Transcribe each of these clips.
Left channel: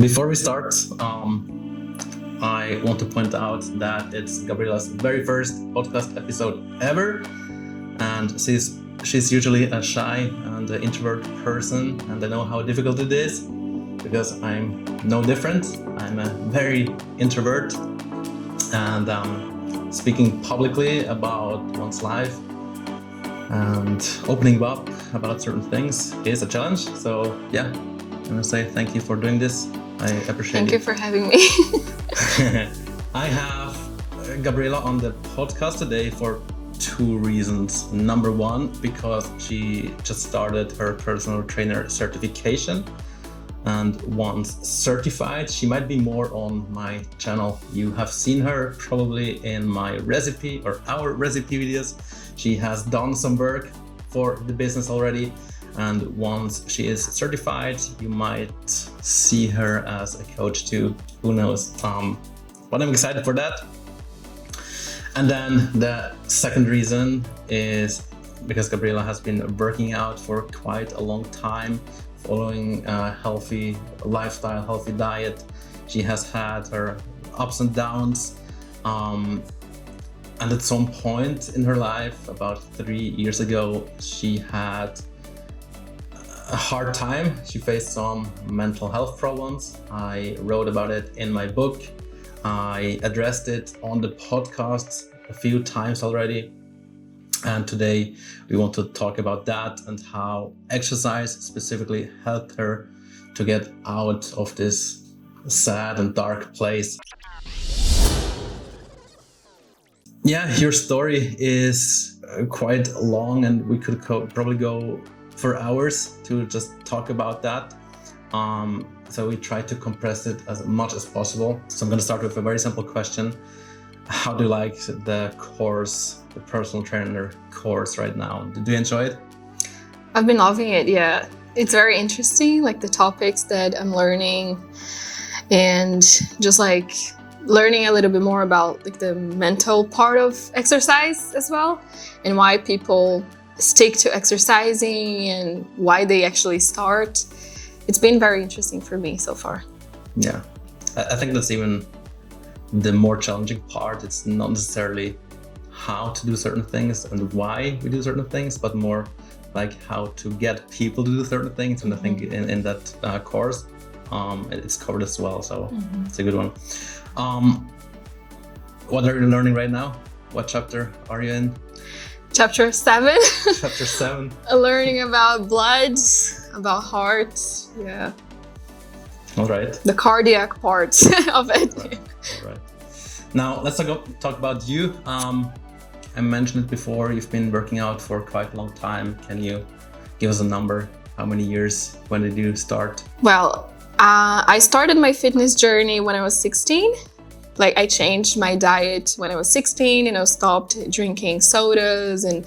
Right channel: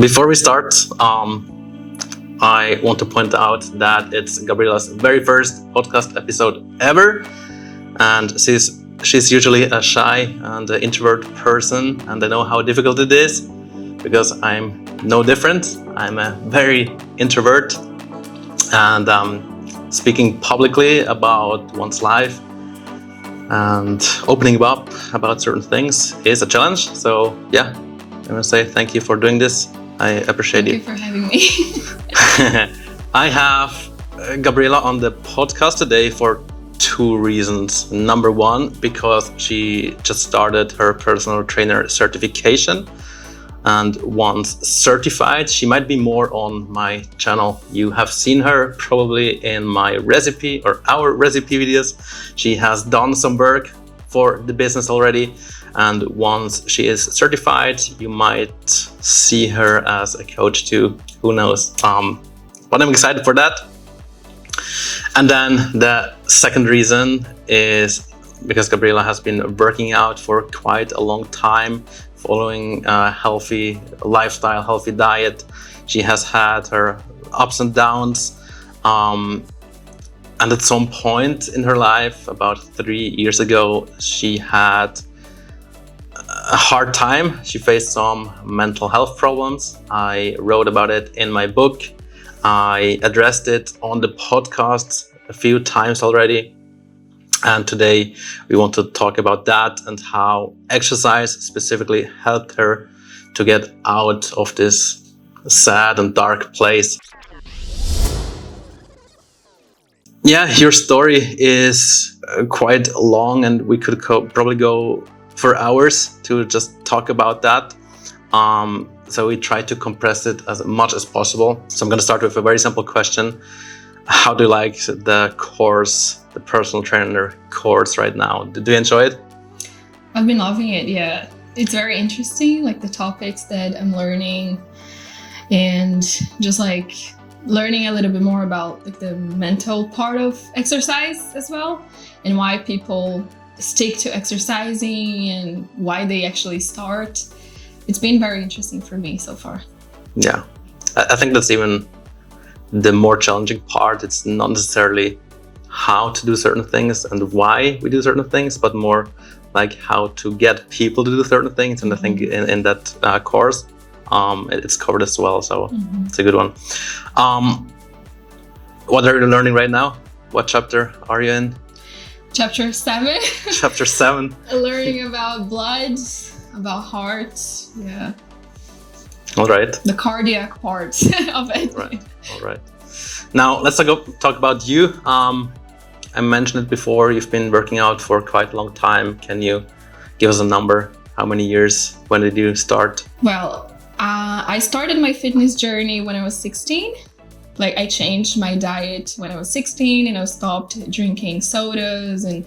Before we start, I want to point out that it's Gabriela's very first podcast episode ever, and she's usually a shy and introvert person, and I know how difficult it is because I'm no different. I'm a very introvert, and speaking publicly about one's life and opening up about certain things is a challenge. So yeah, I want to say thank you for doing this. I appreciate Thank you for having me. I have Gabriela on the podcast today for two reasons. Number one, because she just started her personal trainer certification, and once certified, she might be more on my channel. You have seen her probably in my recipe or our recipe videos. She has done some work for the business already, and once she is certified, you might see her as a coach too. Who knows? But I'm excited for that. And then the second reason is because Gabriela has been working out for quite a long time, following a healthy lifestyle, healthy diet. She has had her ups and downs. And at some point in her life, about 3 years ago, she had a hard time. She faced some mental health problems. I wrote about it in my book. I addressed it on the podcast a few times already. And today we want to talk about that and how exercise specifically helped her to get out of this sad and dark place. Yeah, your story is quite long, and we could probably go for hours to just talk about that. So we try to compress it as much as possible. So I'm going to start with a very simple question. How do you like the course, the personal trainer course right now? Do you enjoy it? I've been loving it, yeah. It's very interesting, like the topics that I'm learning, and just like learning a little bit more about like the mental part of exercise as well, and why people stick to exercising and why they actually start. It's been very interesting for me so far. Yeah, I think that's even the more challenging part. It's not necessarily how to do certain things and why we do certain things, but more like how to get people to do certain things. And I think in that course, it's covered as well. So it's a good one. What are you learning right now? What chapter are you in? Chapter 7. Chapter 7. Learning about blood, about heart, yeah. All right. The cardiac parts of it. Right. All right. Now let's talk about you. I mentioned it before. You've been working out for quite a long time. Can you give us a number? How many years? When did you start? Well, I started my fitness journey when I was 16. Like I changed my diet when I was 16, and I stopped drinking sodas and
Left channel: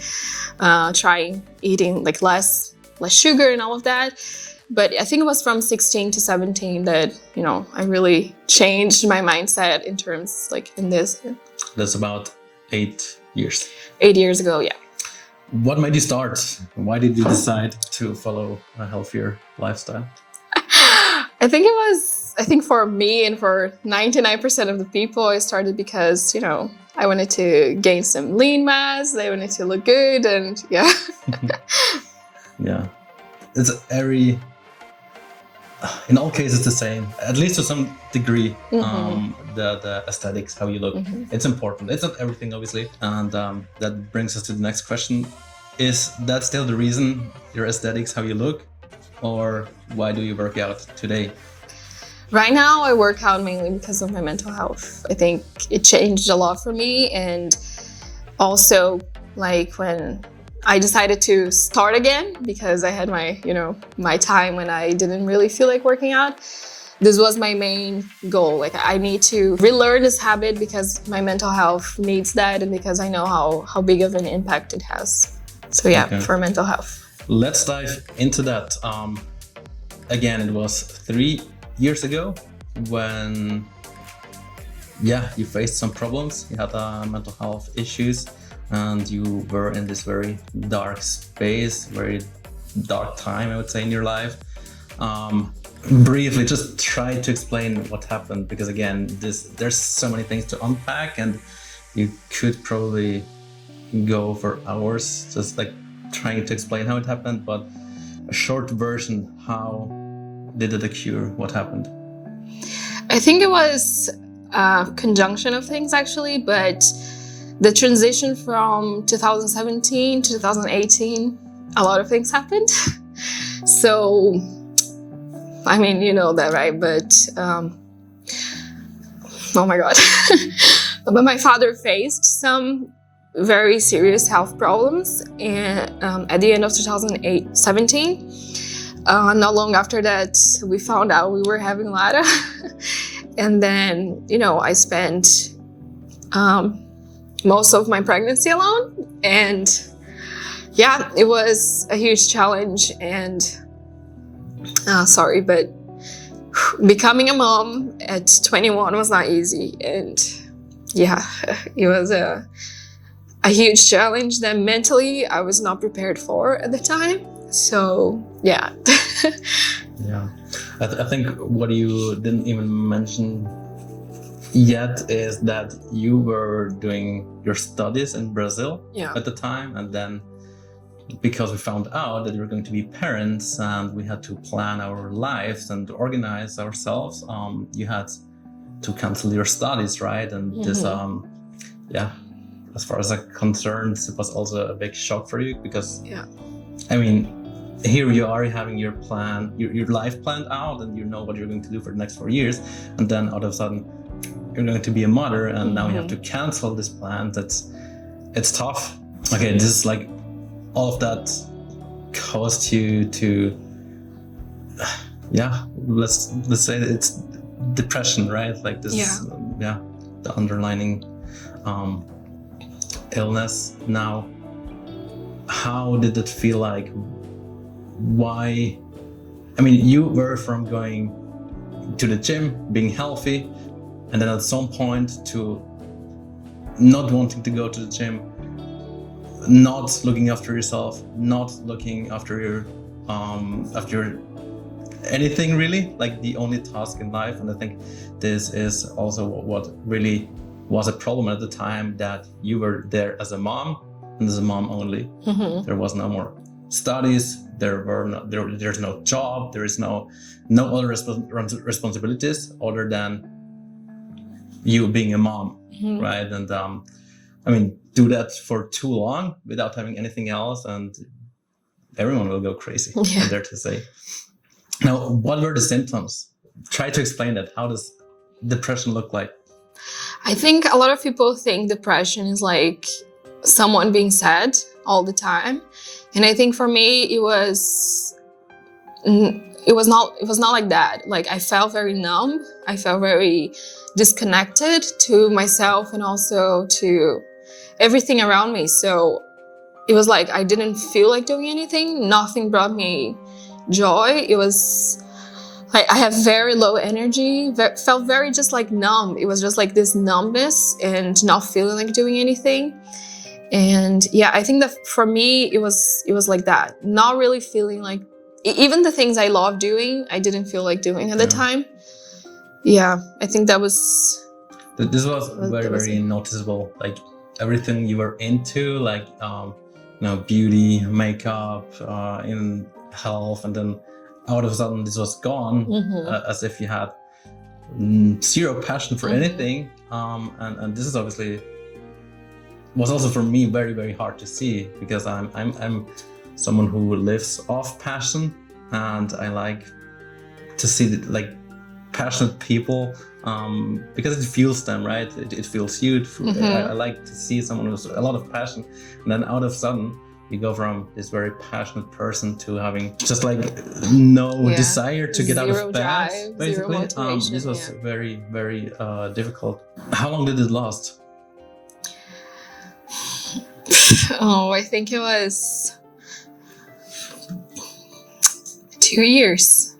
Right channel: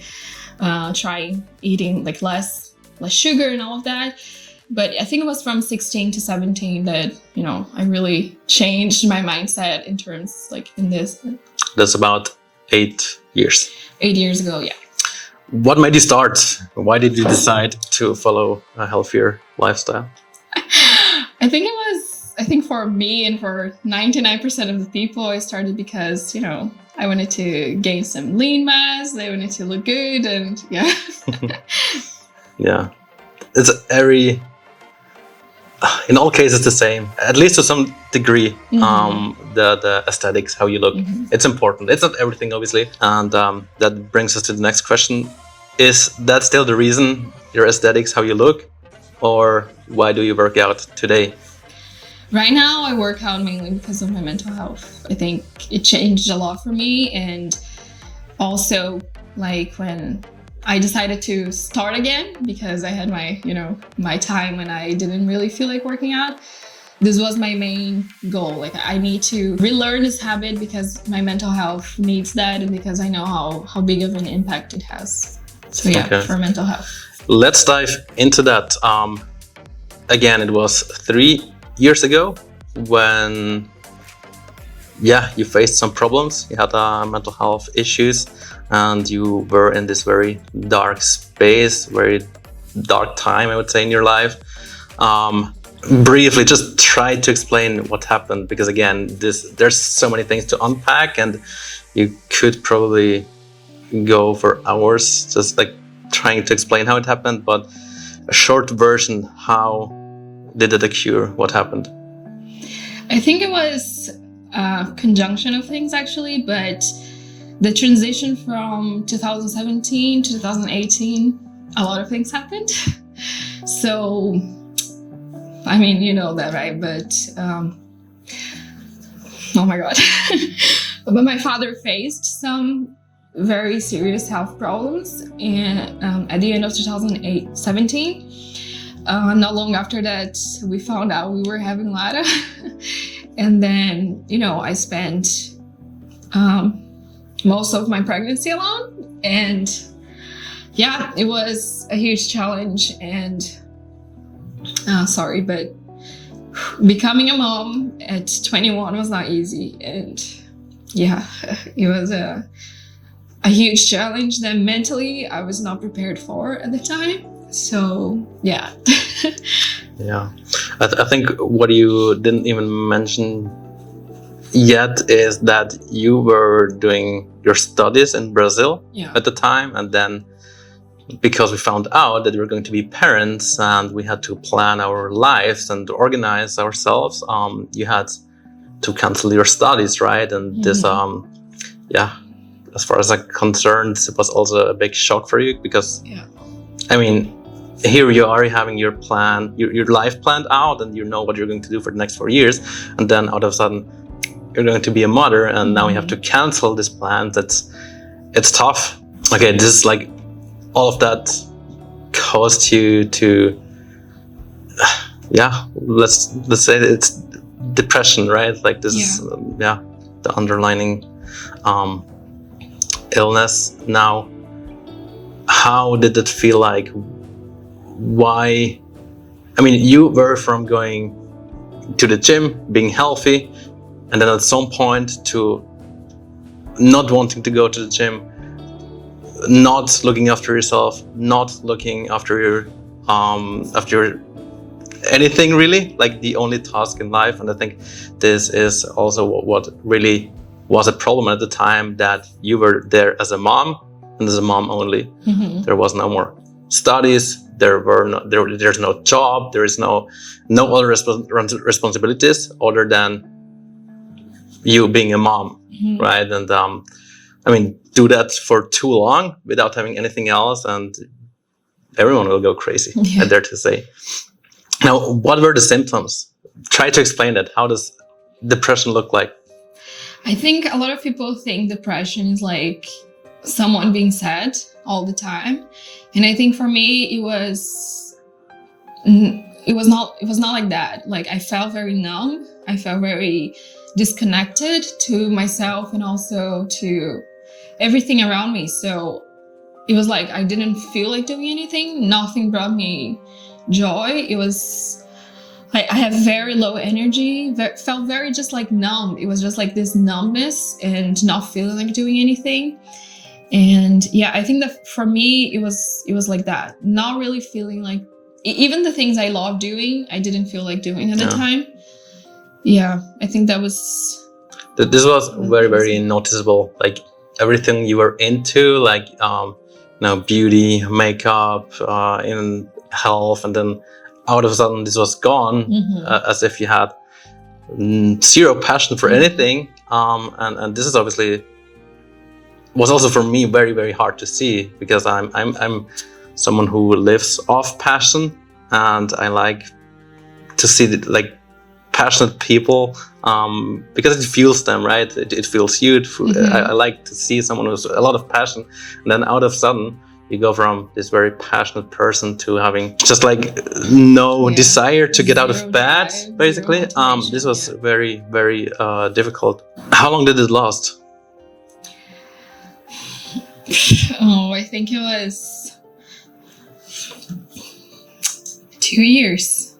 trying eating like less sugar and all of that. But I think it was from 16 to 17 that, I really changed my mindset in terms like in this. That's about 8 years. 8 years ago, yeah. What made you start? Why did you decide to follow a healthier lifestyle? I think for me and for 99% of the people, I started because, I wanted to gain some lean mass. I wanted to look good, and yeah. Yeah. It's in all cases the same, at least to some degree. The aesthetics, how you look, it's important. It's not everything, obviously. And that brings us to the next question. Is that still the reason, your aesthetics, how you look? Or why do you work out today? Right now, I work out mainly because of my mental health. I think it changed a lot for me. And also, like when I decided to start again, because I had my time when I didn't really feel like working out. This was my main goal. Like I need to relearn this habit because my mental health needs that, and because I know how big of an impact it has. So yeah, okay. For mental health. Let's dive into that. Again, it was 3 years ago when, you faced some problems. You had mental health issues, and you were in this very dark space, very dark time, I would say, in your life. briefly just try to explain what happened, because again, there's so many things to unpack, and you could probably go for hours just like trying to explain how it happened. But a short version, how did it occur? What happened? I think it was a conjunction of things actually, but the transition from 2017 to 2018, a lot of things happened. So, I mean, you know that, right? But, oh my God. But my father faced some very serious health problems at the end of 2017. Not long after that, we found out we were having 𝗲𝗂. And then, you know, I spent most of my pregnancy alone. And yeah, it was a huge challenge. And sorry, but becoming a mom at 21 was not easy. And yeah, it was a huge challenge that mentally I was not prepared for at the time. So yeah. Yeah, I think what you didn't even mention yet is that you were doing your studies in Brazil at the time, and then because we found out that we were going to be parents and we had to plan our lives and organize ourselves, you had to cancel your studies, right? And this, yeah, as far as I'm concerned, it was also a big shock for you, because, I mean, here you are having your plan, your life planned out, and you know what you're going to do for the next 4 years, and then out of a sudden you're going to be a mother, and now you have to cancel this plan. It's tough. Okay, this is like all of that caused you to, yeah, let's say it's depression, right? Like this, the underlying illness. Now, how did it feel like? Why? I mean, you were from going to the gym, being healthy, and then at some point to not wanting to go to the gym, not looking after yourself, not looking after your anything really, like the only task in life. And I think this is also what really was a problem at the time, that you were there as a mom and as a mom only. There was no more studies. There's no job. There is no other responsibilities other than you being a mom, right? And I mean, do that for too long without having anything else, and everyone will go crazy. I dare to say. Now, what were the symptoms? Try to explain it. How does depression look like? I think a lot of people think depression is like someone being sad all the time. And I think for me, it was not like that. Like, I felt very numb. I felt very disconnected to myself and also to everything around me. So it was like I didn't feel like doing anything. Nothing brought me joy. It was like I have very low energy, felt very just like numb. It was just like this numbness and not feeling like doing anything. And yeah, I think that for me, it was like that. Not really feeling like, even the things I love doing, I didn't feel like doing at the time. Yeah, I think that was... This was very, very noticeable. Like everything you were into, like, beauty, makeup, in health, and then out of a sudden this was gone, as if you had zero passion for anything. And this is obviously was also for me very, very hard to see, because I'm someone who lives off passion, and I like to see like passionate people, because it fuels them, right? It fuels you. I like to see someone who's a lot of passion, and then out of sudden you go from this very passionate person to having just like no desire to get out of bed, basically. This was very, very difficult. How long did it last? Oh, I think it was 2 years.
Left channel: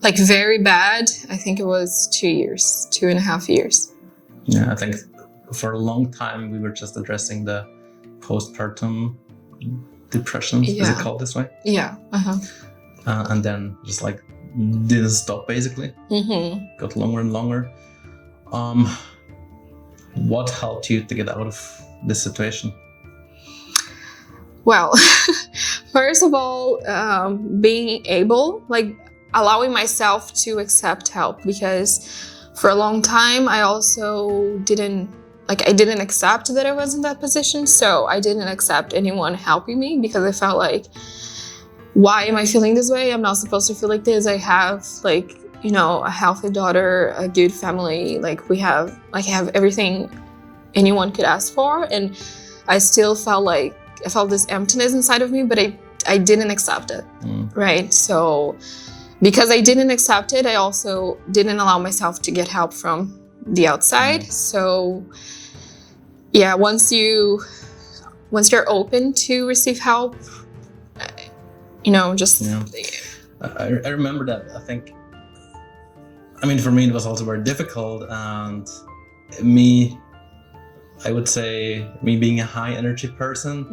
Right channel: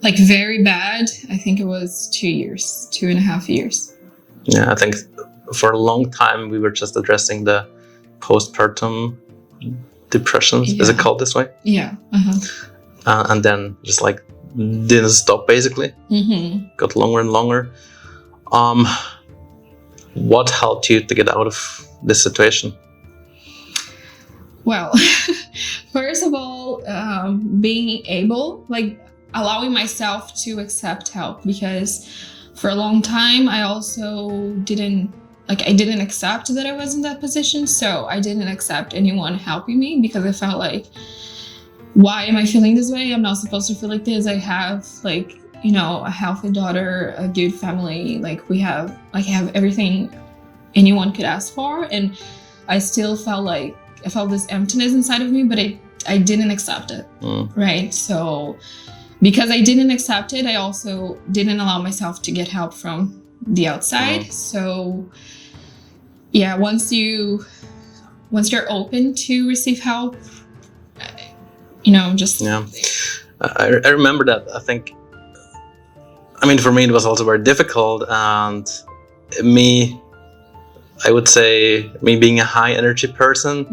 Like very bad. I think it was 2 years, 2.5 years. Yeah, I think for a long time we were just addressing the postpartum depression. Is it called this way? Yeah. And then just like didn't stop basically, Mm-hmm. got longer and longer. What helped you to get out of this situation? Well, first of all, being able, like allowing myself to accept help, because for a long time I also didn't accept that I was in that position. So I didn't accept anyone helping me because I felt like, why am I feeling this way? I'm not supposed to feel like this. I have like, a healthy daughter, a good family. Like I have everything anyone could ask for. And I still felt like, I felt this emptiness inside of me, but I didn't accept it, right? So because I didn't accept it, I also didn't allow myself to get help from the outside. So yeah, once you're open to receive help, just... Yeah, I remember that. For me, it was also very difficult, and I would say me being a high energy person,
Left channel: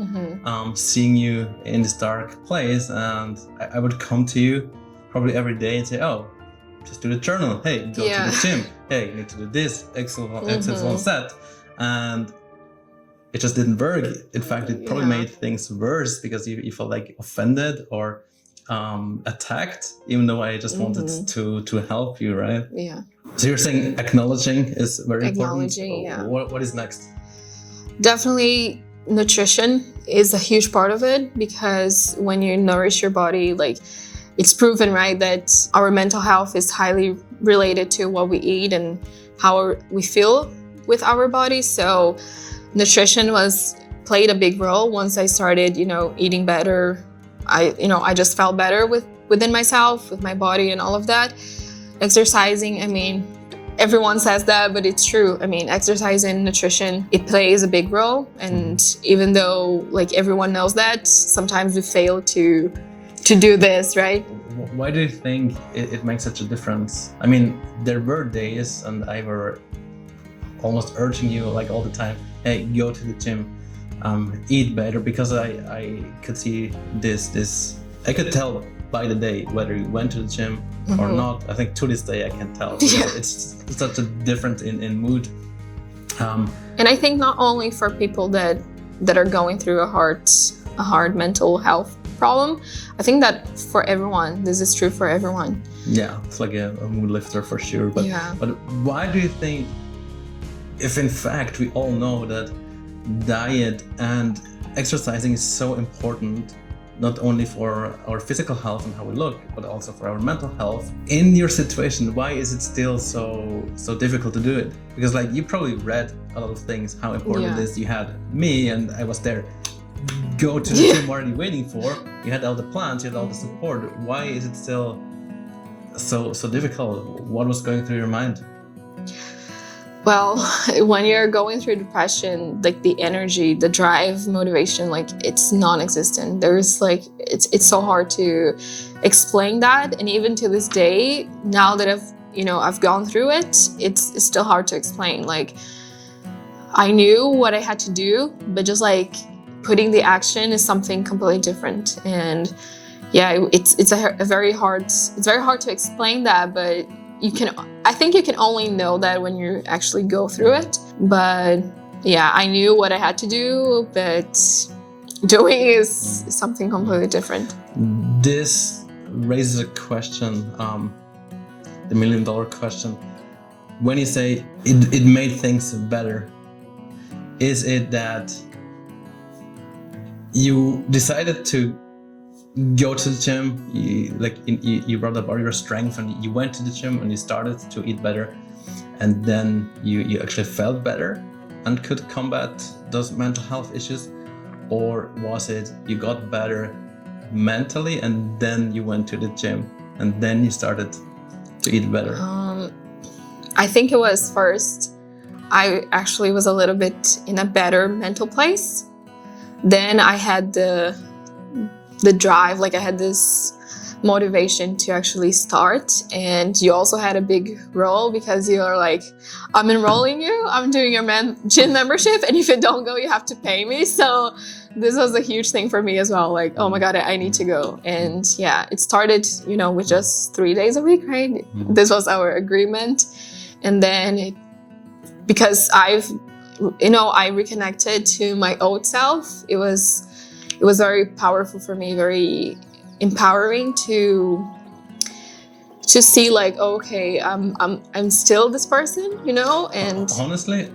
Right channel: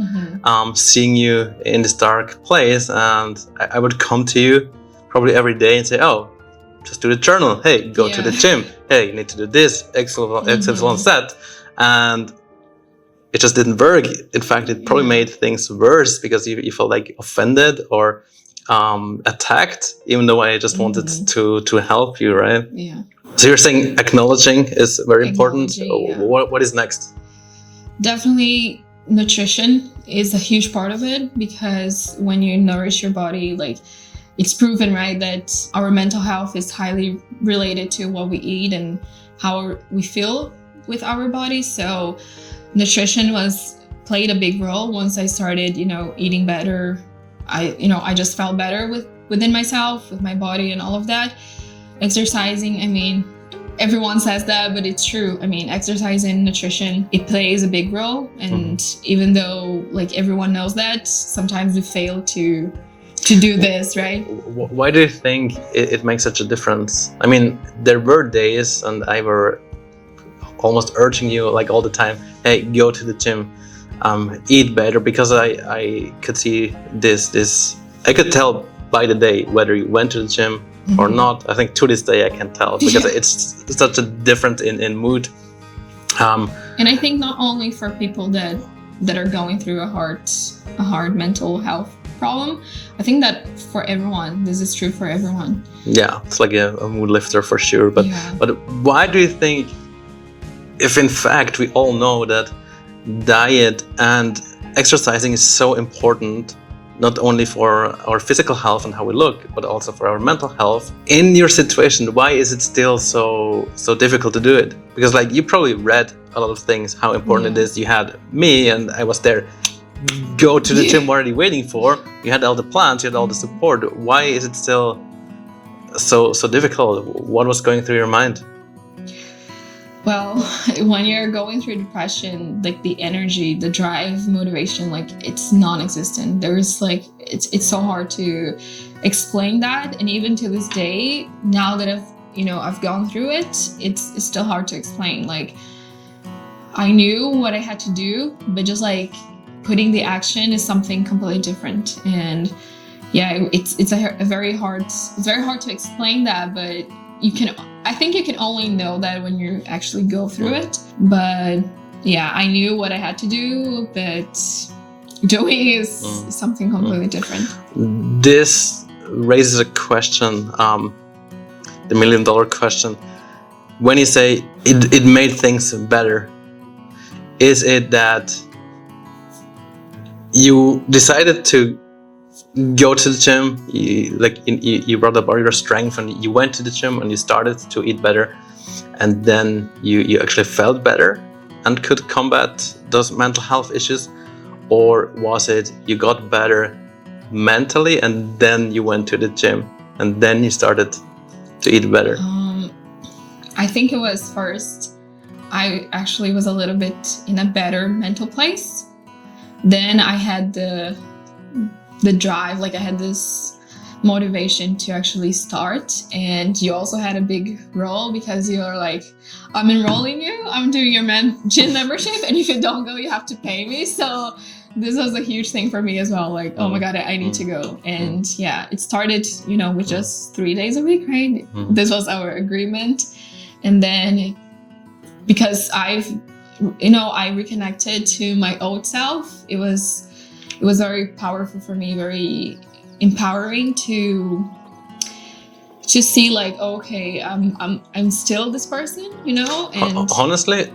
seeing you in this dark place, and I would come to you probably every day and say, oh, just do the journal. Hey, go to the gym. Hey, you need to do this, XYZ. And it just didn't work. In fact, it probably made things worse because you felt like offended or attacked, even though I just wanted to help you, right? Yeah. So you're saying acknowledging is very important. Yeah. What is next? Definitely nutrition is a huge part of it, because when you nourish your body, like it's proven, right, that our mental health is highly related to what we eat and how we feel with our body. So nutrition played a big role. Once I started, eating better, I just felt better within myself, with my body and all of that. Exercising, everyone says that, but it's true. Exercise and nutrition, it plays a big role. And even though like everyone knows that, sometimes we fail to do this, right? Why do you think it makes such a difference? There were days, and I were almost urging you like all the time, hey, go to the gym, eat better, because I could see this. I could tell by the day whether you went to the gym or not. I think to this day I can tell, because it's such a difference in mood. And I think not only for people that are going through a hard mental health problem, I think that for everyone, this is true for everyone. Yeah, it's like a mood lifter for sure. But why do you think, if in fact we all know that diet and exercising is so important, not only for our physical health and how we look, but also for our mental health, in your situation, why is it still so difficult to do it? Because like you probably read a lot of things, how important it is. You had me, and I was there, go to the gym already waiting for. You had all the plans, you had all the support. Why is it still so difficult? What was going through your mind? Well, when you're going through depression, like the energy, the drive, motivation, like it's non-existent. There's like, it's so hard to explain that. And even to this day, now that I've gone through it, it's still hard to explain. Like I knew what I had to do, but just like putting the action is something completely different. And yeah, it's very hard to explain that, but I think you can only know that when you actually go through it. But yeah, I knew what I had to do, but doing is something completely different. This raises a question, the $1 million question. When you say it made things better, is it that you decided to go to the gym, you brought about your strength, and you went to the gym and you started to eat better, and then you actually felt better and could combat those mental health issues? Or was it you got better mentally and then you went to the gym and then you started to eat better? I think it was first. I actually was a little bit in a better mental place. Then I had the drive, like I had this motivation to actually start. And you also had a big role, because you're like, I'm enrolling you, I'm doing your gym membership, and if you don't go, you have to pay me. So this was a huge thing for me as well. Like, oh my God, I need to go. And yeah, it started, you know, with just 3 days a week, right? This was our agreement. And then because I reconnected to my old self. It was very powerful for me, very empowering to see like, oh, okay, I'm still this person, you know. And honestly,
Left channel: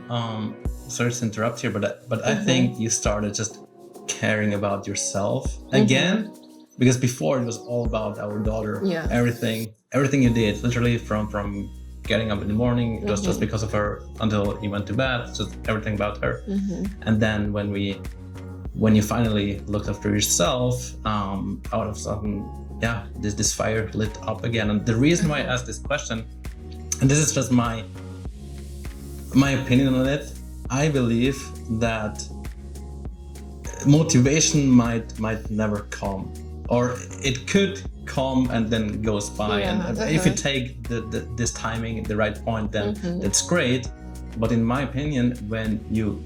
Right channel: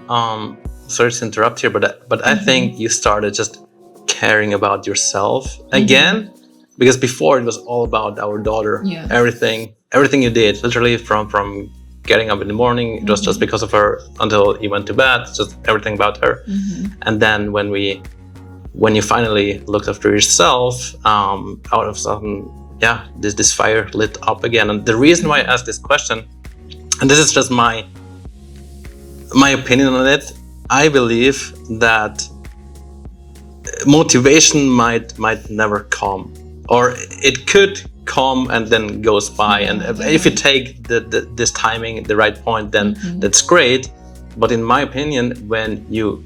sorry to interrupt here, but I think you started just caring about yourself again, because before it was all about our daughter. Yeah. Everything you did, literally from getting up in the morning, it was just because of her until you went to bed, just everything about her. And then when you finally looked after yourself, out of sudden, yeah, this fire lit up again. And the reason why I asked this question, and this is just my opinion on it, I believe that motivation might never come, or it could come and then goes by. And if you take this timing at the right point, then that's great. But in my opinion, when you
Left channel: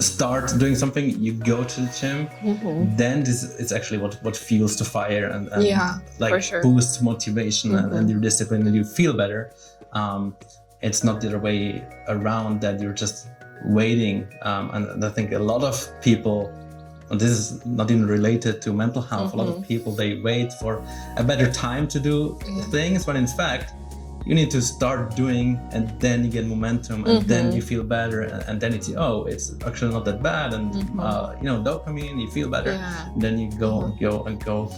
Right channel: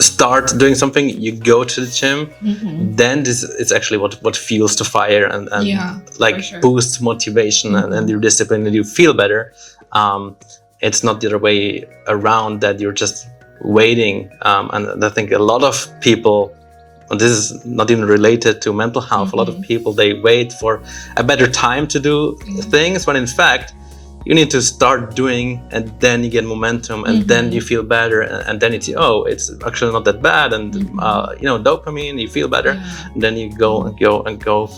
start doing something, you go to the gym, then this is actually what fuels the fire and like boosts motivation and your discipline, and you feel better. It's not the other way around, that you're just waiting. And I think a lot of people, and this is not even related to mental health, a lot of people, they wait for a better time to do things, when in fact you need to start doing, and then you get momentum, and then you feel better, and then it's actually not that bad, and dopamine, you feel better, and then you go and go and go,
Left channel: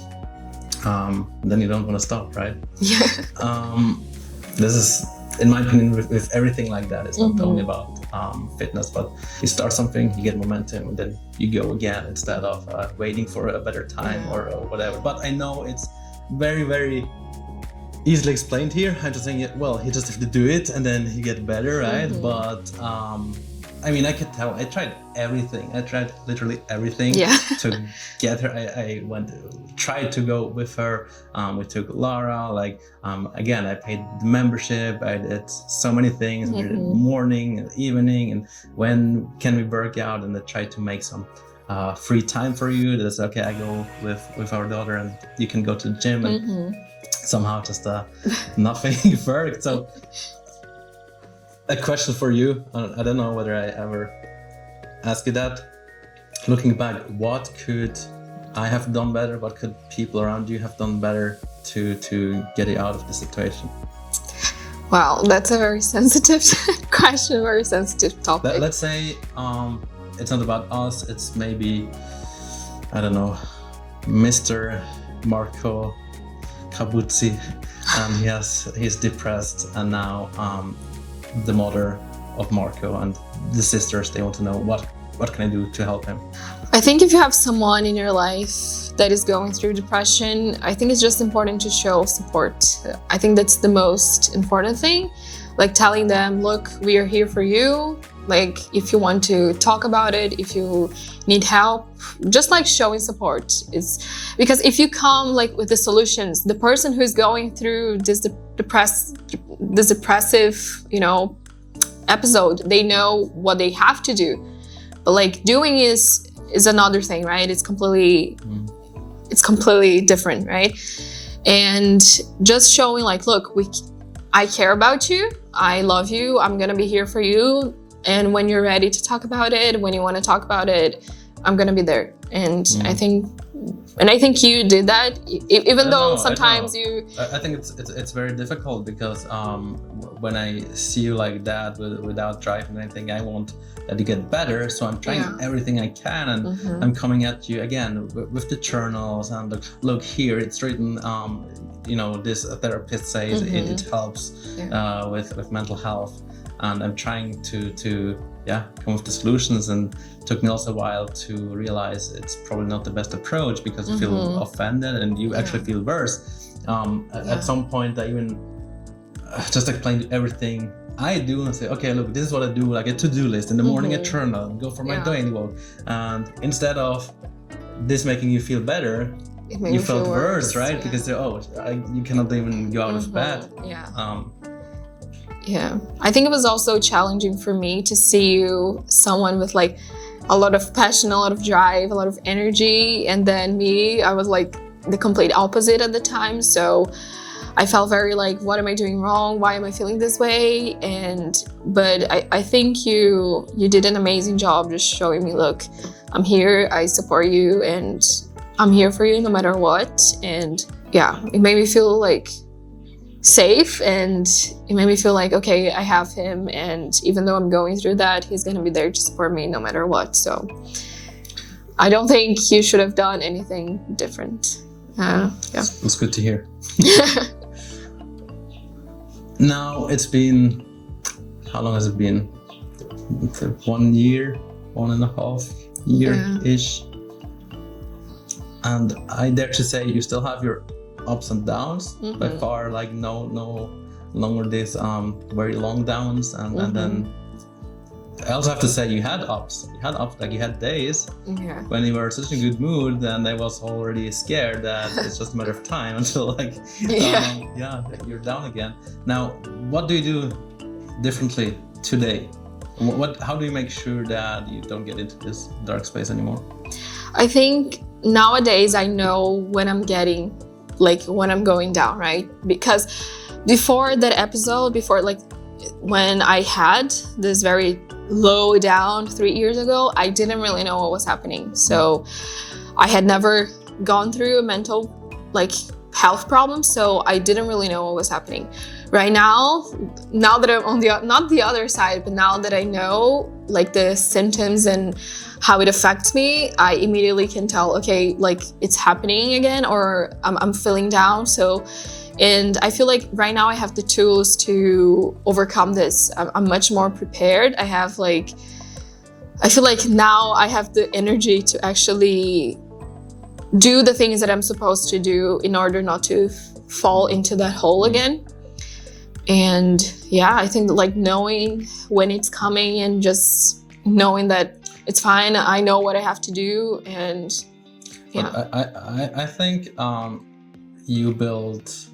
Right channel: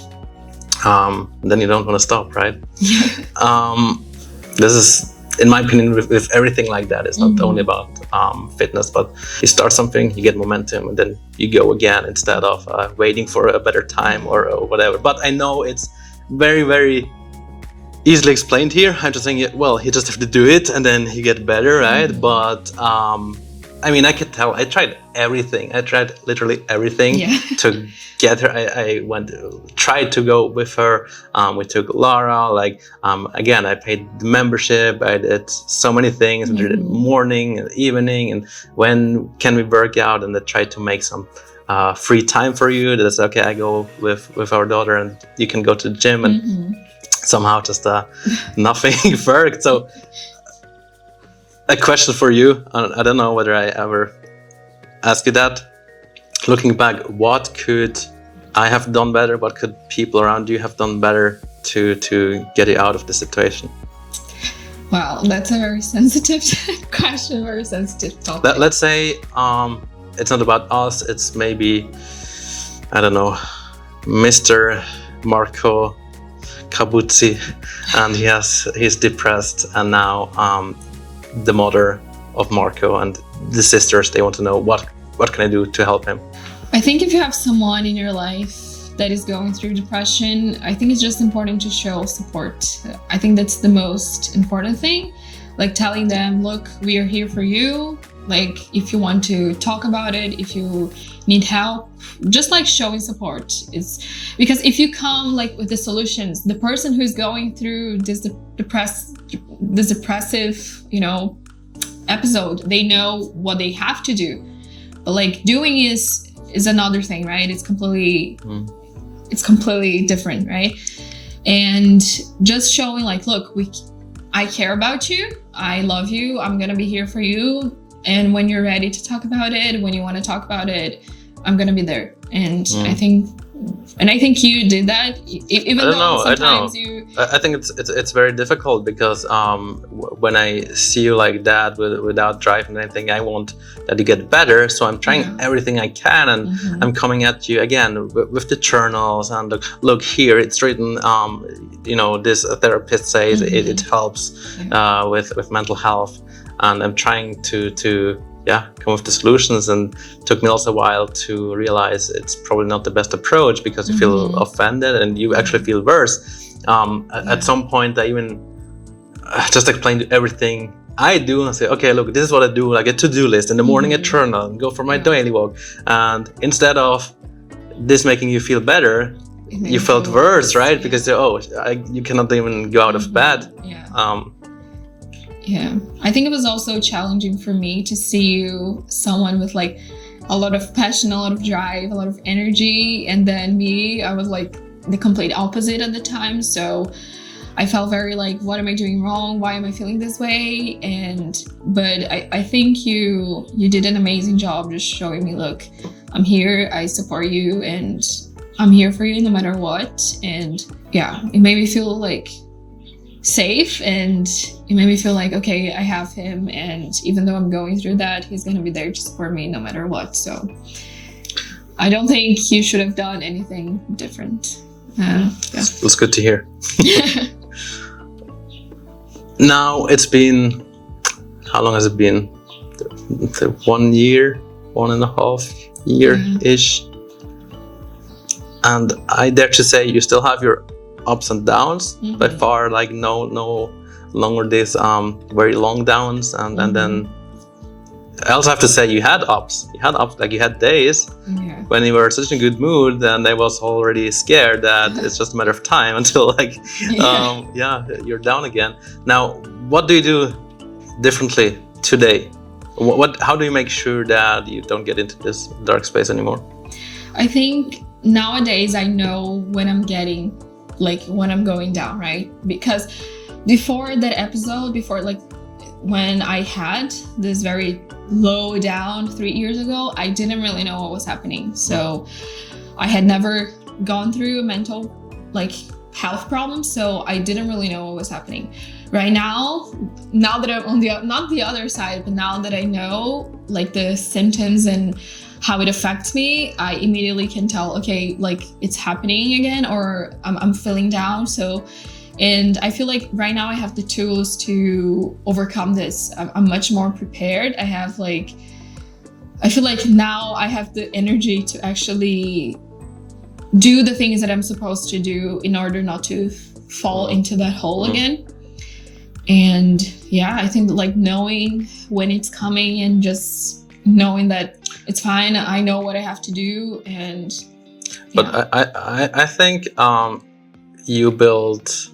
and then you don't want to stop, right? This is, in my opinion, with everything like that, it's not only about fitness, but you start something, you get momentum, and then you go again, instead of waiting for a better time or whatever. But I know it's very, very easily explained here. I'm just saying, well, you just have to do it and then you get better, right? But I mean, I could tell, I tried everything. I tried literally everything to get her. I tried to go with her. We took Lara, again, I paid the membership. I did so many things. I did morning and evening, and when can we work out? And I tried to make some free time for you. That's okay, I go with our daughter and you can go to the gym, and somehow just nothing worked. So a question for you, I don't know whether I ever asked you that. Looking back, what could I have done better? What could people around you have done better to get you out of the situation? Wow, that's a very sensitive question, very sensitive topic. Let's say it's not about us, it's maybe, I don't know, Mr. Marco Kabutzi, and he's depressed, and now the mother of Marco and the sisters, they want to know what can I do to help him. I think if you have someone in your life that is going through depression, I think it's just important to show support. I think that's the most important thing. Like telling them, look, we are here for you. Like if you want to talk about it, if you need help, just like showing support. It's because if you come like with the solutions, the person who's going through this depressive, episode, they know what they have to do. But like doing is another thing, right? It's completely different, right? And just showing like, look, I care about you, I love you, I'm gonna be here for you. And when you're ready to talk about it, when you want to talk about it, I'm gonna be there. And I think you did that, even though sometimes I think it's very difficult, because when I see you like that without driving anything, I want that you get better. So I'm trying everything I can, and I'm coming at you again with the journals, and look here, it's written. This therapist says it helps with mental health, and I'm trying to come with the solutions. And it took me also a while to realize it's probably not the best approach, because you feel offended and you actually feel worse. At some point, I even just explained everything I do and say, okay, look, this is what I do, like a to-do list. In the morning, a journal, and go for my daily walk. And instead of this making you feel better, you felt worse, right? Because you cannot even go out of bed. I think it was also challenging for me to see you, someone with like a lot of passion, a lot of drive, a lot of energy. And then me, I was like the complete opposite at the time. So I felt very like, what am I doing wrong? Why am I feeling this way? But I think you did an amazing job just showing me, look, I'm here, I support you, and I'm here for you no matter what. And yeah, it made me feel like safe, and it made me feel like, okay, I have him, and even though I'm going through that, he's gonna be there to support me no matter what. So I don't think you should have done anything different. Yeah. That's good to hear. Now it's been, how long has it been? 1 year, 1.5 year-ish. And I dare to say you still have your ups and downs. By far, like no longer these very long downs, and then I also have to say you had ups, like you had days when you were in such a good mood, and I was already scared that it's just a matter of time until like you're down again. Now, what do you do differently today? How do you make sure that you don't get into this dark space anymore? I think nowadays I know when I'm going down, right? Because before that episode, when I had this very low down 3 years ago, I didn't really know what was happening. So I had never gone through a mental health problem, so I didn't really know what was happening. Right now that I'm on not the other side, but now that I know the symptoms and how it affects me, I immediately can tell, okay, it's happening again, or I'm feeling down. And I feel like right now I have the tools to overcome this. I'm much more prepared. I feel like now I have the energy to actually do the things that I'm supposed to do in order not to fall into that hole again. And yeah, I think knowing when it's coming and just knowing that it's fine, I know what I have to do. And but I think you built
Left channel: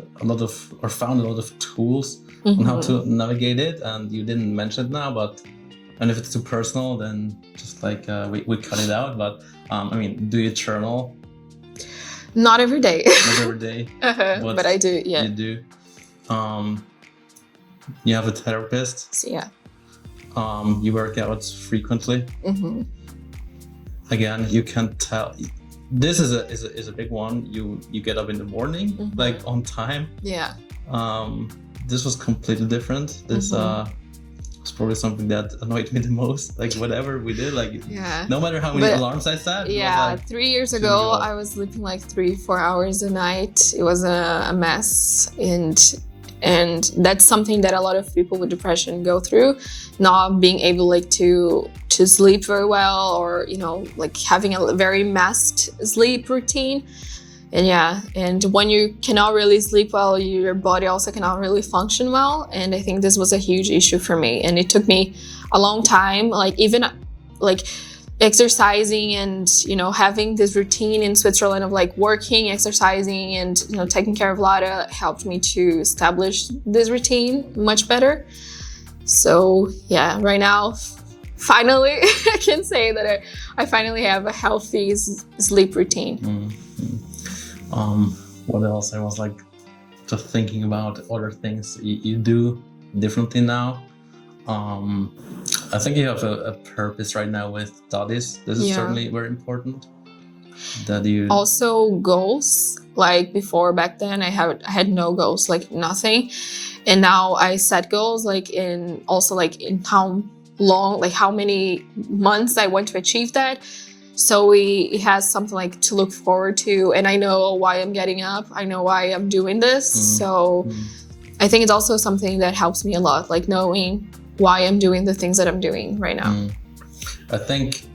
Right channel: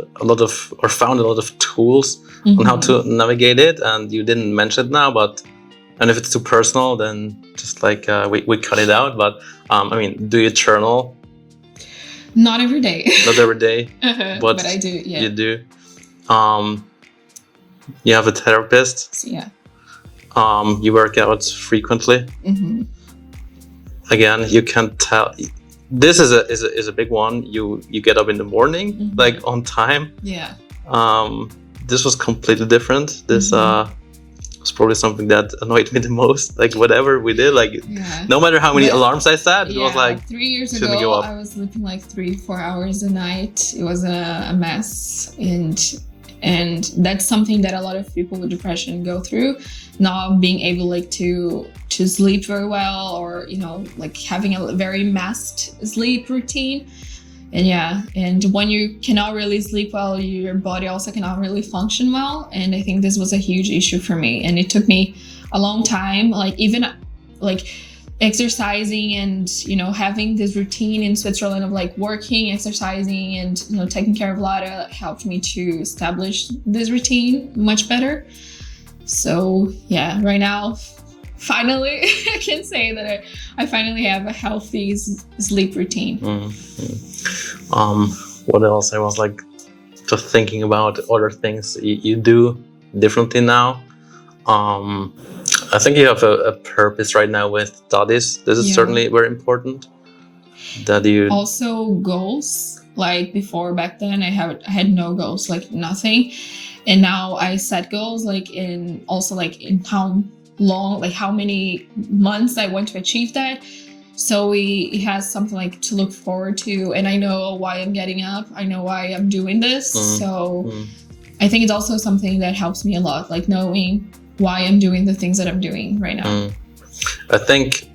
found a lot of tools on how to navigate it, and you didn't mention it now, and if it's too personal, then just we cut it out. But I mean, do you journal? Not every day. Not every day. But I do. Yeah. You do. You have a therapist. So, yeah. You work out frequently. Again, you can tell. This is a big one. You get up in the morning, on time. Yeah. This was completely different. This was probably something that annoyed me the most. Whatever we did, no matter how many alarms I set, it was 3 years ago, I was sleeping 3-4 hours a night. It was a mess, and that's something that a lot of people with depression go through. Not being able to sleep very well, or having a very messed sleep routine. And when you cannot really sleep well, your body also cannot really function well. And I think this was a huge issue for me, and it took me a long time, even exercising and having this routine in Switzerland of working, exercising, and taking care of 𝗨𝗧 helped me to establish this routine much better. So yeah, right now, finally, I can say that I finally have a healthy sleep routine. What else? I was just thinking about other things you do differently now. I think you have a purpose right now with studies. This is certainly very important. That you also goals. Back then, I had no goals, nothing. And now I set goals in how long, how many months I want to achieve that. So it has something to look forward to, and I know why I'm getting up. I know why I'm doing this. I think it's also something that helps me a lot, knowing why I'm doing the things that I'm doing right now. I think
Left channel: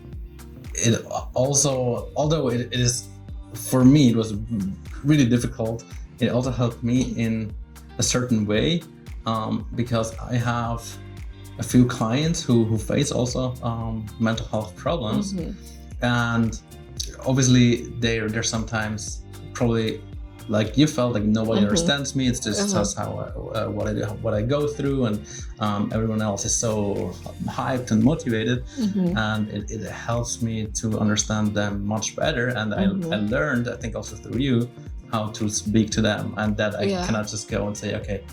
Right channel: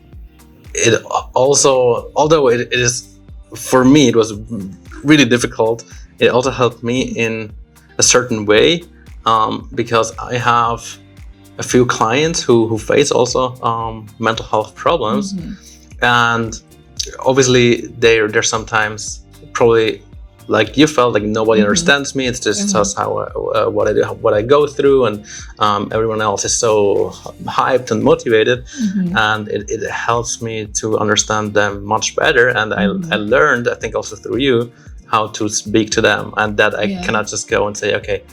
it also, although it is, for me, it was really difficult. It also helped me in a certain way, because I have a few clients who face also mental health problems, and obviously they're sometimes probably like you felt like nobody understands me. It's just how what I do, what I go through, and everyone else is so hyped and motivated, and it helps me to understand them much better. And I learned, I think also through you, how to speak to them, and that I cannot just go and say, okay,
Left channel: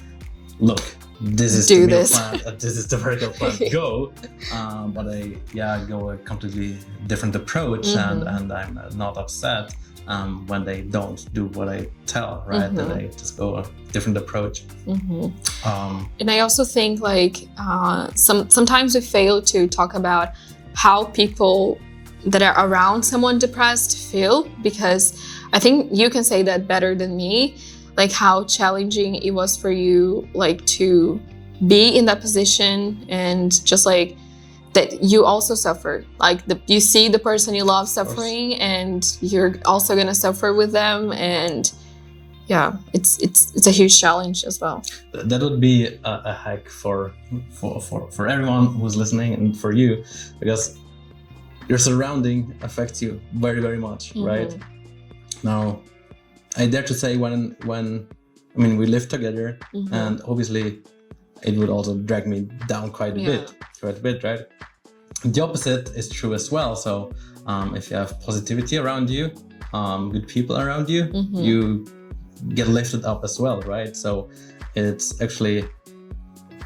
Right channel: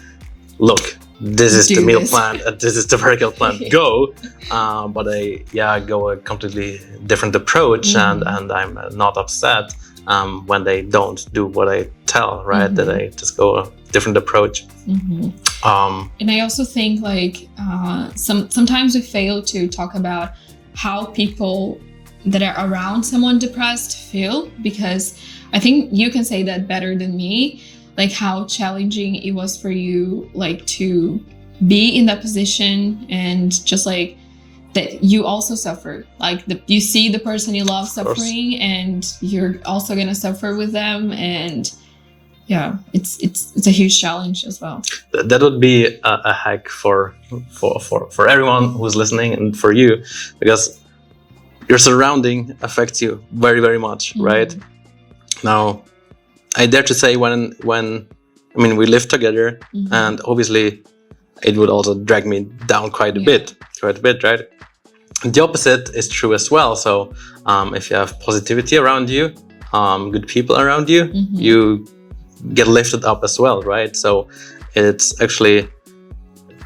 look, this is the meal plan, this is the vertical plan, go. But I go a completely different approach, and I'm not upset when they don't do what I tell, right? That I just go a different approach. And I also think like sometimes we fail to talk about how people that are around someone depressed feel, because I think you can say that better than me, like how challenging it was for you, like to be in that position, and just like that you also suffer, like you see the person you love suffering, and you're also gonna suffer with them, and it's a huge challenge as well. That would be a hack for everyone who's listening, and for you, because your surrounding affects you very, very much, right? Now, I dare to say when I mean we live together, and obviously it would also drag me down quite a bit, right? The opposite is true as well. So if you have positivity around you, good people around you, you get lifted up as well, right? So it's actually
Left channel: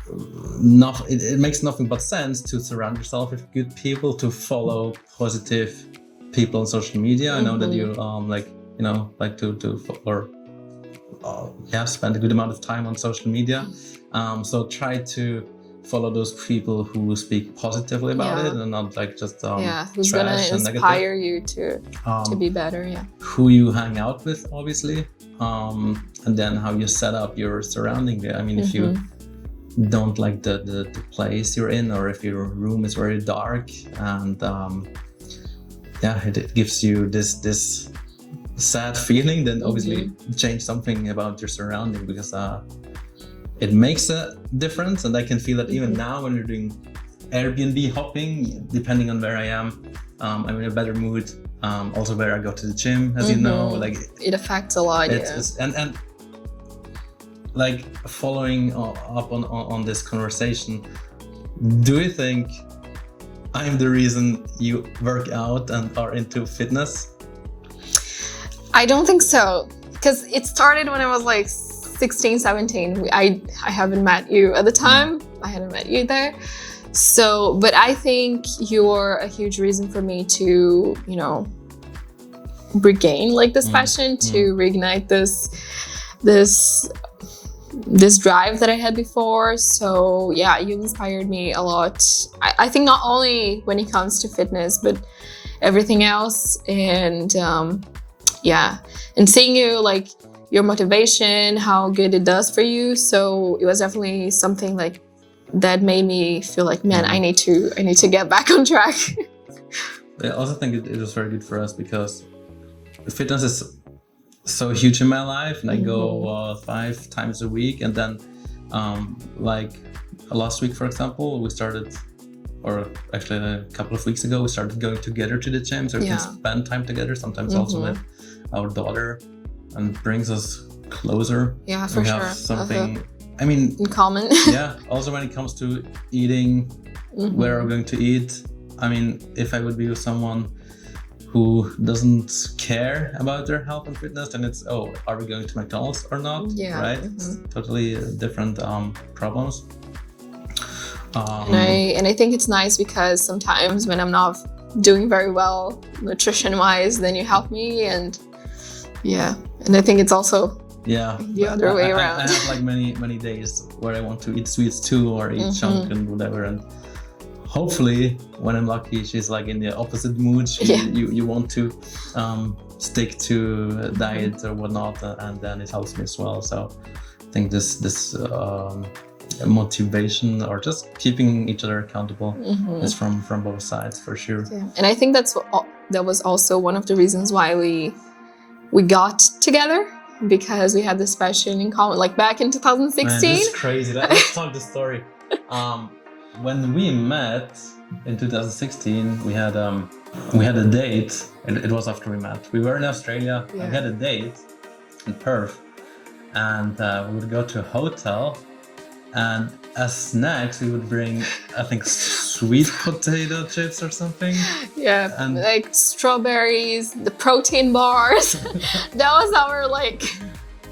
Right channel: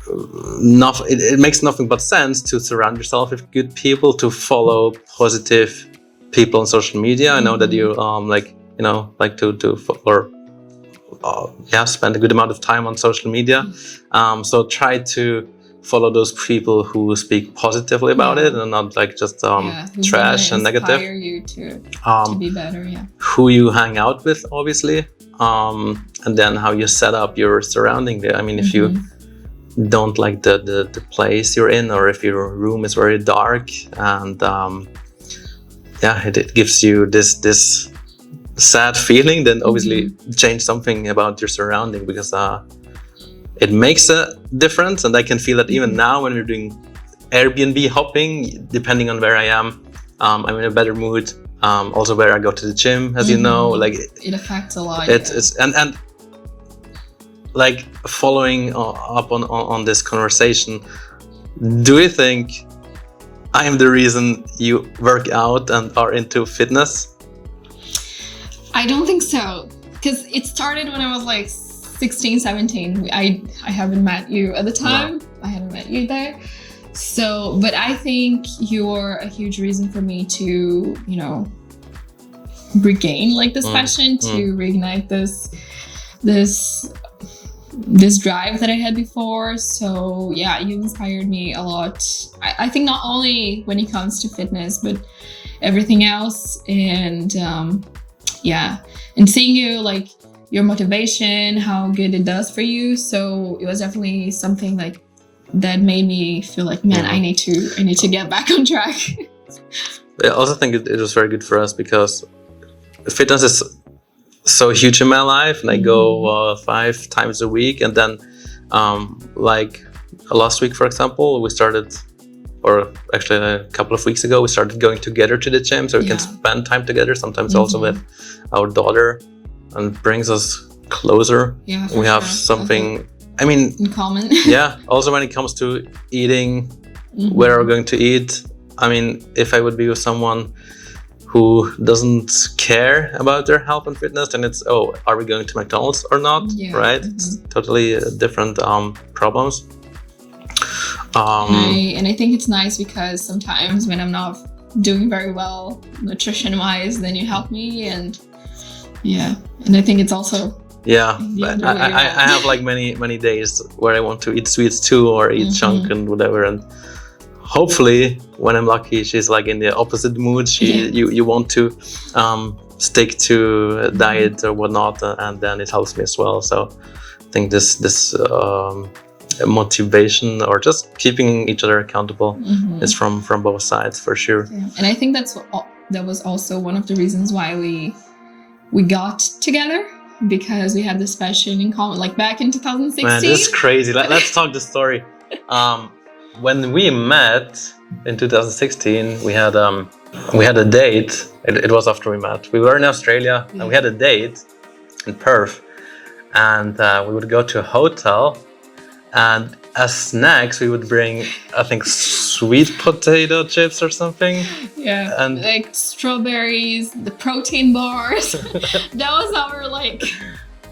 it makes nothing but sense to surround yourself with good people, to follow positive people on social media. I know that you like to spend a good amount of time on social media. So try to follow those people who speak positively about it, and not like just trash and negative. Inspire you to be better. Who you hang out with, obviously, and then how you set up your surrounding there. I mean, if you don't like the place you're in, or if your room is very dark, and it gives you this sad feeling, then obviously change something about your surrounding, because it makes a difference. And I can feel that even now when we're doing Airbnb hopping, depending on where I am, I'm in a better mood. Also where I go to the gym, as you know, like it affects a lot. It's and like following up on this conversation, do you think I am the reason you work out and are into fitness? I don't think so, because it started when I was like 16, 17. I haven't met you at the time. No. I hadn't met you there. So, but I think you're a huge reason for me to, regain like this passion, to reignite this drive that I had before. So yeah, you inspired me a lot. I think not only when it comes to fitness, but everything else. And and seeing you, like your motivation, how good it does for you. So it was definitely something like that made me feel like, man, I need to get back on track. I also think it was very good for us, because fitness is so huge in my life, and I go 5 times a week. And then like last week, for example, we started, or actually a couple of weeks ago, we started going together to the gym, so we can spend time together, sometimes also with our daughter, and brings us closer. Yeah, we have something, I mean, in common. Also when it comes to eating, where we're going to eat. I mean, if I would be with someone who doesn't care about their health and fitness, then it's, are we going to McDonald's or not? Right? It's totally different problems. And I think it's nice, because sometimes when I'm not doing very well nutrition-wise, then you help me, and I think it's also the other way around. I have like many days where I want to eat sweets too, or eat junk and whatever, and hopefully when I'm lucky, she's like in the opposite mood. You want to stick to a diet or whatnot, and then it helps me as well. So I think this motivation, or just keeping each other accountable, is from both sides, for sure. And I think that was also one of the reasons why we got together, because we had this passion in common, like back in 2016. Man, this is crazy. Let's talk the story. When we met in 2016, we had a date. It was after we met. We were in Australia, and we had a date. in Perth, and we would go to a hotel, and as snacks we would bring, I think, sweet potato chips or something. Yeah, And like strawberries, the protein bars. That was our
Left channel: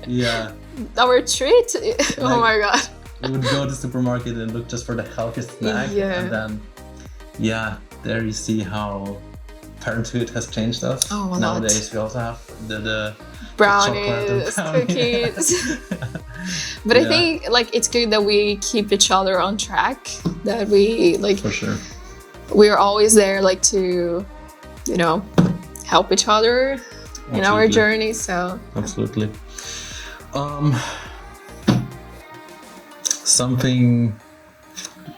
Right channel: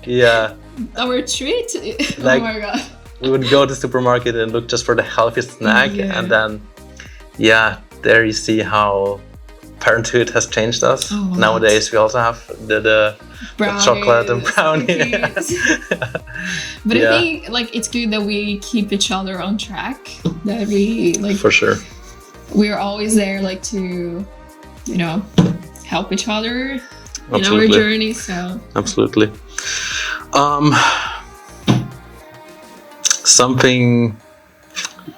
yeah, our treat. Oh Like- my god. we would go to the supermarket and look just for the healthiest snack, Yeah. and then there you see how parenthood has changed us. Oh, a lot. Nowadays we also have the chocolate and brownie. cookies. But Yeah. I think it's good that we keep each other on track. That we For sure. we're always there to, help each other in our Absolutely. journey. So Absolutely. Something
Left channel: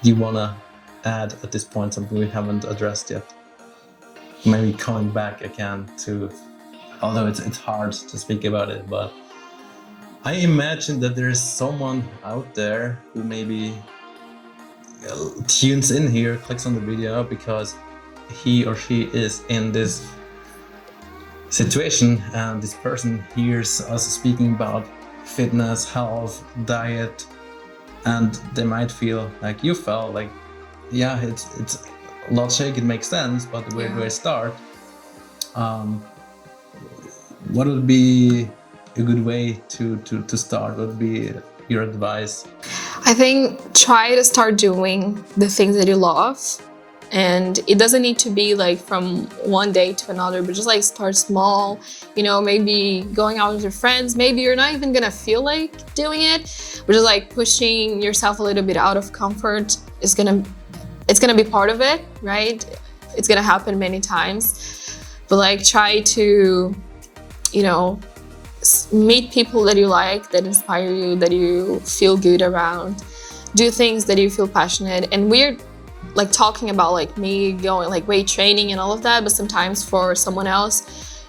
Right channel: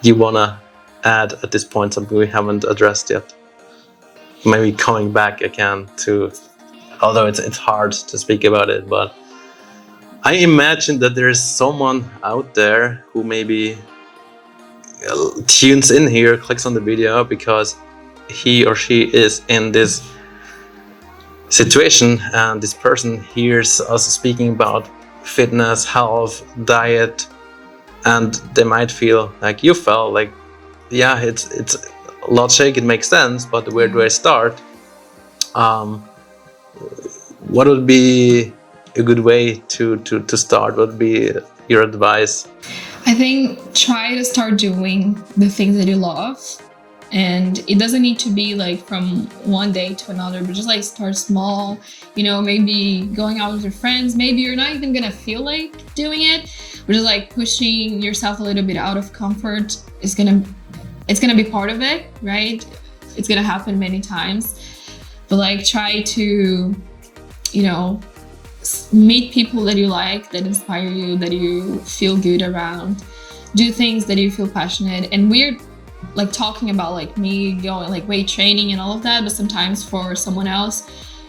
you wanna add at this point, something we haven't addressed yet? Maybe coming back again to, although it's hard to speak about it, but I imagine that there is someone out there who maybe tunes in here, clicks on the video because he or she is in this situation, and this person hears us speaking about fitness, health, diet, and they might feel like you felt like, yeah, it's logic, it makes sense, but where do I start? What would be a good way to start? What would be your advice? I think try to start doing the things that you love. And it doesn't need to be from one day to another, but just start small, maybe going out with your friends. Maybe you're not even gonna feel like doing it, but just pushing yourself a little bit out of comfort it's gonna be part of it, right? It's gonna happen many times, but try to, meet people that you like, that inspire you, that you feel good around, do things that you feel passionate. And we're talking about me going weight training and all of that, but sometimes for someone else,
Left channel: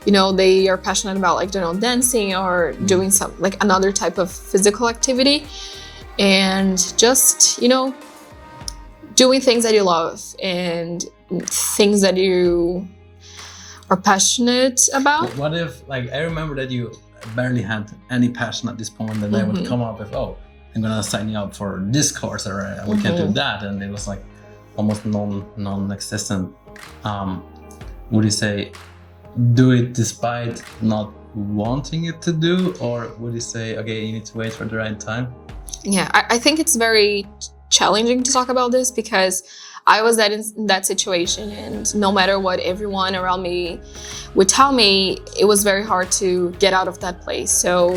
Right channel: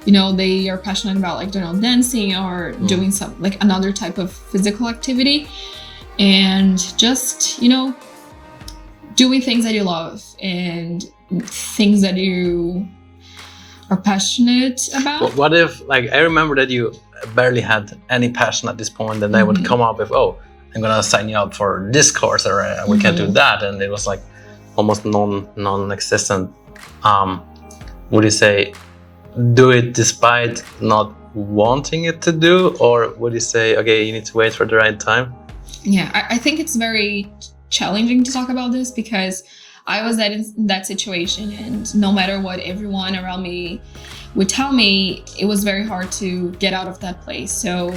they are passionate about dancing or doing some another type of physical activity, and just doing things that you love and things that you are passionate about. What if I remember that you barely had any passion at this point, and they would come up with, oh, I'm gonna sign you up for this course, or we can do that, and it was almost non-existent. Would you say do it despite not wanting it to do, or would you say, okay, you need to wait for the right time? Yeah, I think it's very challenging to talk about this because I was in that situation, and no matter what everyone around me would tell me, it was very hard to get out of that place. So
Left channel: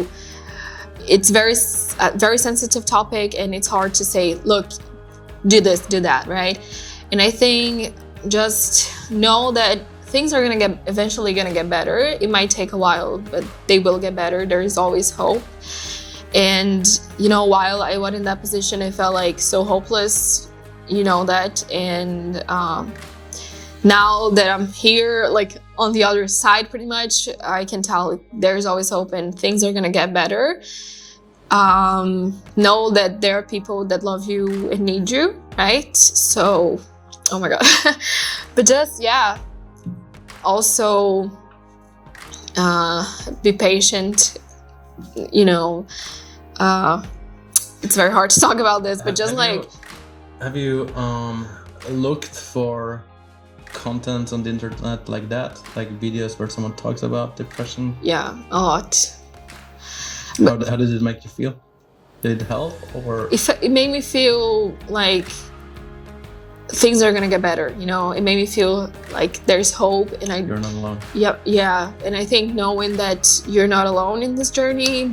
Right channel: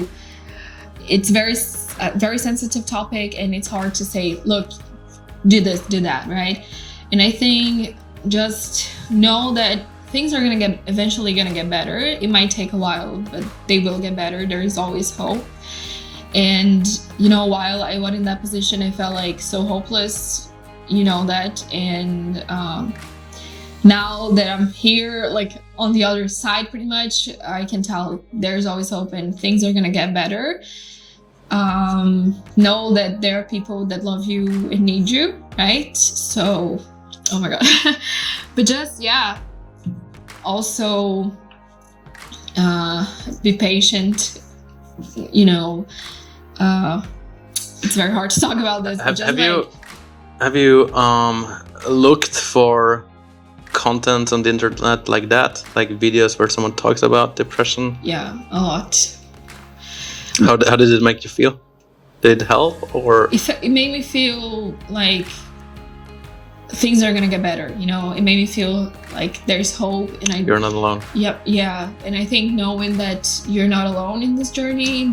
it's a very sensitive topic, and it's hard to say, look, do this, do that, right? And I think just know that things are eventually gonna get better. It might take a while, but they will get better. There is always hope. And while I was in that position, I felt so hopeless, that. And now that I'm here, on the other side, pretty much, I can tell there's always hope and things are gonna get better. Know that there are people that love you and need you, right? So, oh my god. But just, also be patient. It's very hard to talk about this, but have you looked for content on the internet like that, videos where someone talks about depression? Yeah, a lot. How did it make you feel? Did it help, or? It made me feel like things are gonna get better. It made me feel like there's hope, and You're not alone. Yep, yeah. And I think knowing that you're not alone in this journey,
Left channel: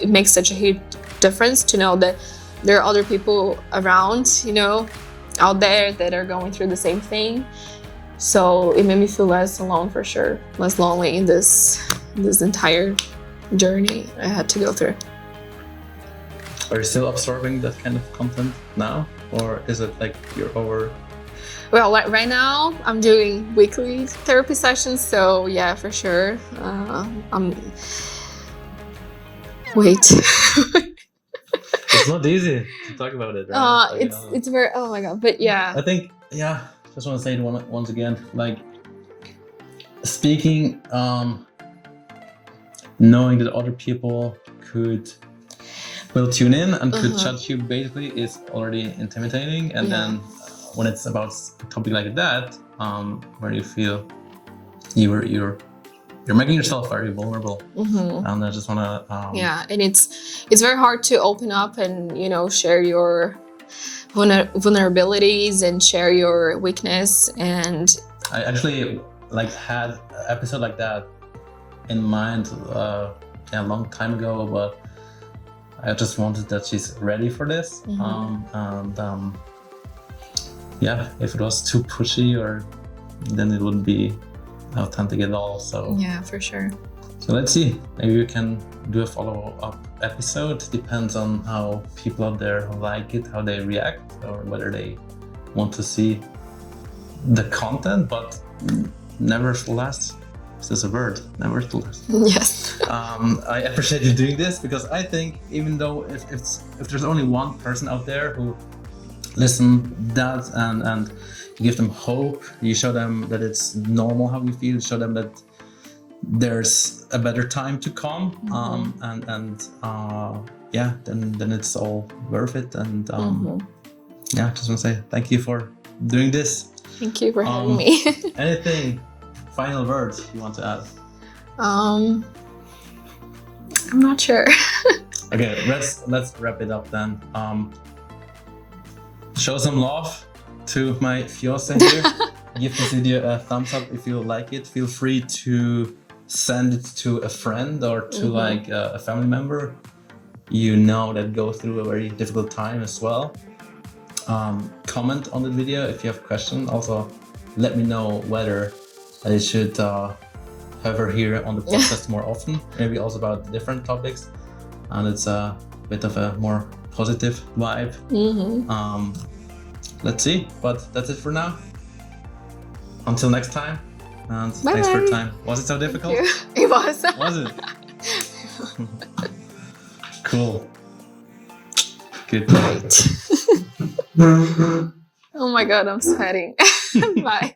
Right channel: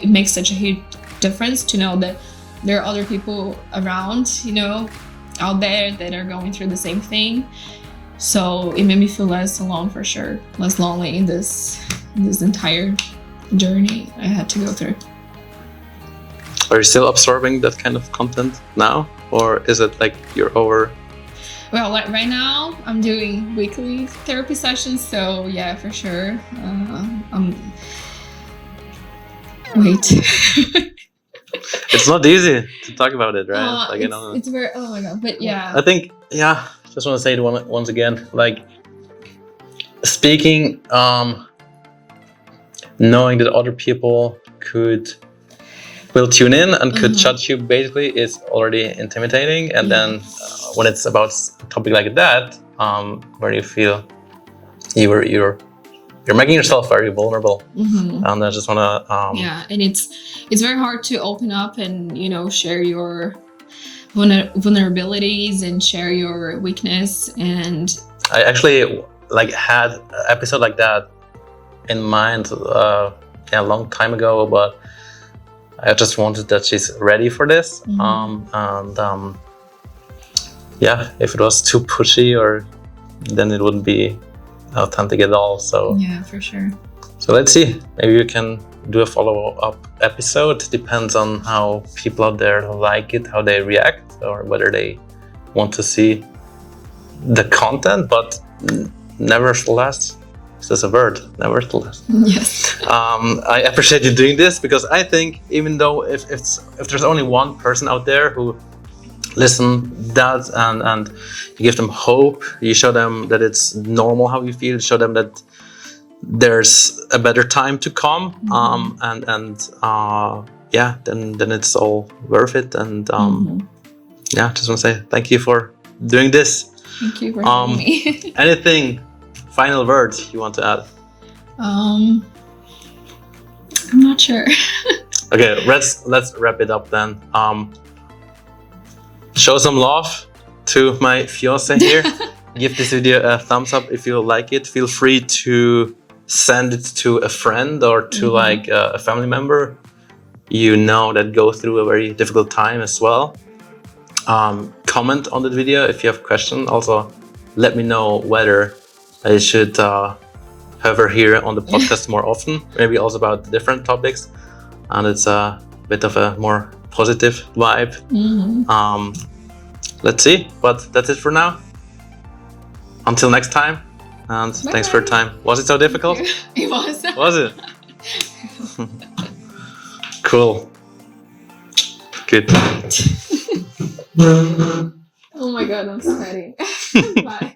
it makes such a huge difference to know that there are other people around, out there that are going through the same thing. So it made me feel less alone, for sure, less lonely in this entire journey I had to go through. Are you still absorbing that kind of content now, or is it you're over? Well, right now I'm doing weekly therapy sessions, so yeah, for sure. Wait. It's not easy to talk about it, right? It's very, oh my god, but yeah. I think, just want to say it once again, speaking, knowing that other people will tune in and could judge you basically is already intimidating. And then when it's about a topic like that, where you feel you're making yourself very vulnerable, and I just want to and it's very hard to open up and share your vulnerabilities and share your weakness. And I actually had an episode like that in mind a long time ago, but I just wanted that she's ready for this. If it was too pushy, then it wouldn't be authentic at all. So yeah, for sure. So let's see. Maybe we can do a follow-up episode. Depends on how people out there like it, how they react, or whether they want to see the content. But nevertheless, there's a word, nevertheless. Yes. I appreciate you doing this, because I think even though if there's only one person out there who listen that and you give them hope, you show them that it's normal how you feel, show them that there's a better time to come, then it's all worth it. And just want to say thank you for doing this. Thank you for having me. Anything, final words you want to add? I'm not sure. Okay, let's wrap it up then. Show some love to my fiancé here. Give this video a thumbs up if you like it. Feel free to send it to a friend or to a family member that go through a very difficult time as well. Comment on the video if you have questions. Also, let me know whether I should have her here on the podcast more often, maybe also about different topics, and it's a bit of a more positive vibe. Let's see, but that's it for now. Until next time, and thanks for your time. Was it so difficult? It was. Was it? Cool. Good. Oh my god, I'm sweating. Bye.